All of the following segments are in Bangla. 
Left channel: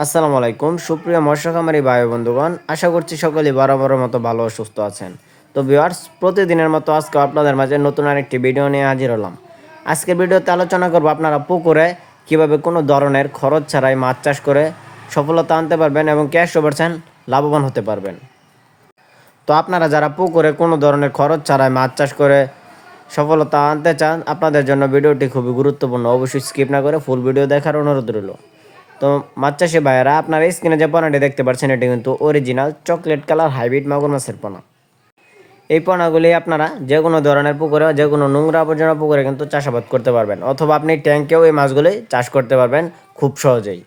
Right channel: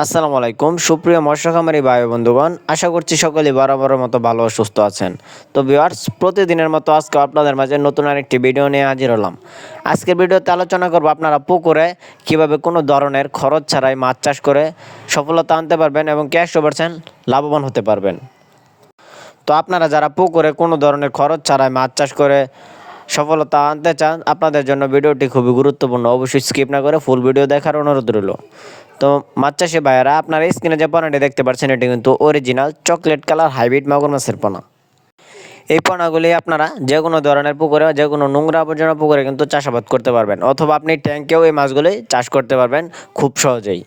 আসসালামু আলাইকুম সুপ্রিয় মৎস্য খামারি ভাই বন্ধুগণ, আশা করছি সকলেই বরাবরের মতো ভালো ও সুস্থ আছেন। তো ভিউয়ার্স, প্রতিদিনের মতো আজকে আপনাদের মাঝে নতুন আরেকটি ভিডিও নিয়ে হাজির হলাম। আজকের ভিডিওতে আলোচনা করব আপনারা পুকুরে কিভাবে কোনো ধরনের খরচ ছাড়াই মাছ চাষ করে সফলতা আনতে পারবেন এবং ক্যাশ 100% লাভবান হতে পারবেন। তো আপনারা যারা পুকুরে কোনো ধরনের খরচ ছাড়াই মাছ চাষ করে সফলতা আনতে চান, আপনাদের জন্য ভিডিওটি খুবই গুরুত্বপূর্ণ। অবশ্যই স্কিপ না করে ফুল ভিডিও দেখার অনুরোধ রইল। তো মাছ চাষি ভাইয়েরা, আপনারা স্ক্রিনে যে পোনাটি দেখতে পাচ্ছেন এটি কিন্তু অরিজিনাল চকলেট কালার হাইব্রিড মাগুর মাছের পোনা। এই পোনাগুলি আপনারা যে কোনো ধরনের পুকুরে, যে কোনো নোংরা আবর্জনা পুকুরে কিন্তু চাষাবাদ করতে পারবেন, অথবা আপনি ট্যাঙ্কেও এই মাছগুলি চাষ করতে পারবেন খুব সহজেই।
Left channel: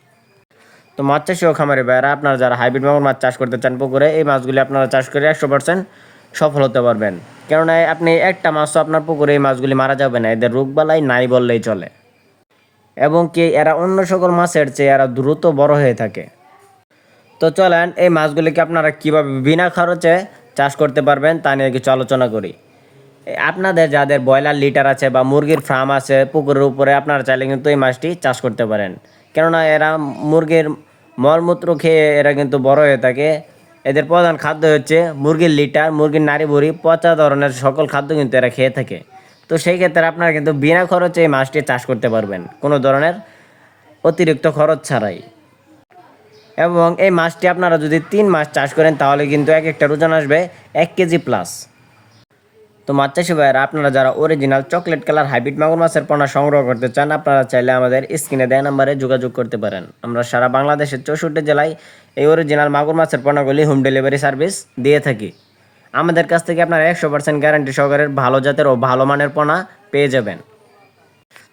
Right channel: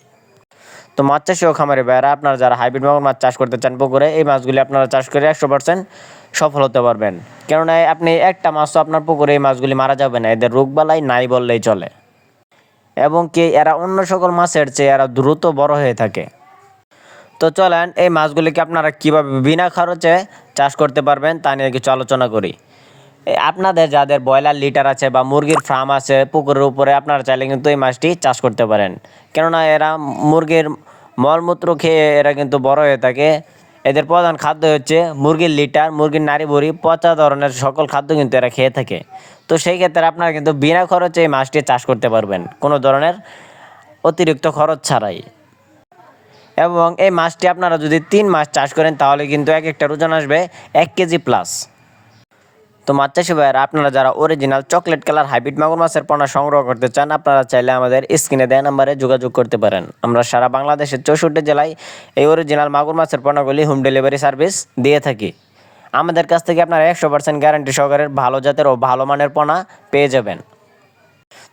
তো মাছ চাষি ও খামারি ভাইয়েরা, আপনারা যারা হাইব্রিড মাগুর মাছ চাষ করতে চান পুকুরে, এই মাছগুলি আপনারা চাষ করে 100% সফল হতে পারবেন। কেননা আপনি একটা মাছ তো আপনার পুকুরে এই মাছগুলি মারা যাবে না, এদের রোগবালাই নাই বললেই চলে। এবং কি এরা অন্য সকল মাছের চেয়ে এরা দ্রুত বড় হয়ে থাকে। তো চলেন এই মাছগুলিকে আপনারা কীভাবে বিনা খরচে চাষ করতে পারবেন তা নিয়ে কিছু আলোচনা করি। আপনাদের যাদের ব্রয়লার লিটার আছে বা মুরগির ফার্ম আছে পুকুরের উপরে, আপনারা চাইলে কিন্তু এই মাছটি চাষ করতে পারেন। কেননা এরা মুরগির মলমূত্র খেয়ে এরা কিন্তু বড় হয়ে থাকে। এদের প্রধান খাদ্য হচ্ছে মুরগির লিটার, মুরগির নাড়ি ভুড়ি, পচা ধরনের সকল খাদ্য কিন্তু এরা খেয়ে থাকে। তো সেই ক্ষেত্রে আপনারা কিন্তু বিনা খরচে এই মাছটি চাষ করতে পারবেন, কোনো ধরনের অতিরিক্ত খরচ ছাড়াই। এবং এই মাছটি আপনারা যদি 3 মাস চাষ করেন তাহলে কিন্তু এক একটা ওজন আসবে 1 কেজি প্লাস। তো মাছ চাষি ভাইয়েরা, আপনারা যারা অরিজিনাল চকলেট কালার হাইব্রিড মাগুর মাছের পোনা সংগ্রহ করতে চান, আপনারা চাইলে আমাদের স্ক্রিনে দেওয়া নাম্বারে যোগাযোগ করতে পারেন। আমরা সারা বাংলাদেশের 64 জেলায় এই অরিজিনাল মাগুর মাছের পোনাগুলি হোম ডেলিভারি সার্ভিস দিয়ে থাকি। আমাদের কাছ থেকে আপনারা 100% গ্যারান্টি সহকারে ভালো জাতের ও ভালো মানের পোনা পেয়ে যাবেন।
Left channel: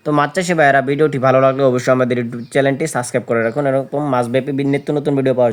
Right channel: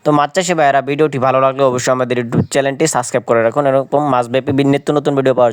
তো মাছ চাষি ভাইয়েরা, ভিডিওটি ভালো লাগলে অবশ্যই আমাদের ইউটিউব চ্যানেলটি সাবস্ক্রাইব করে রাখুন, এরকম মাছব্যাপী নিত্য নতুন ভিডিও পাওয়ার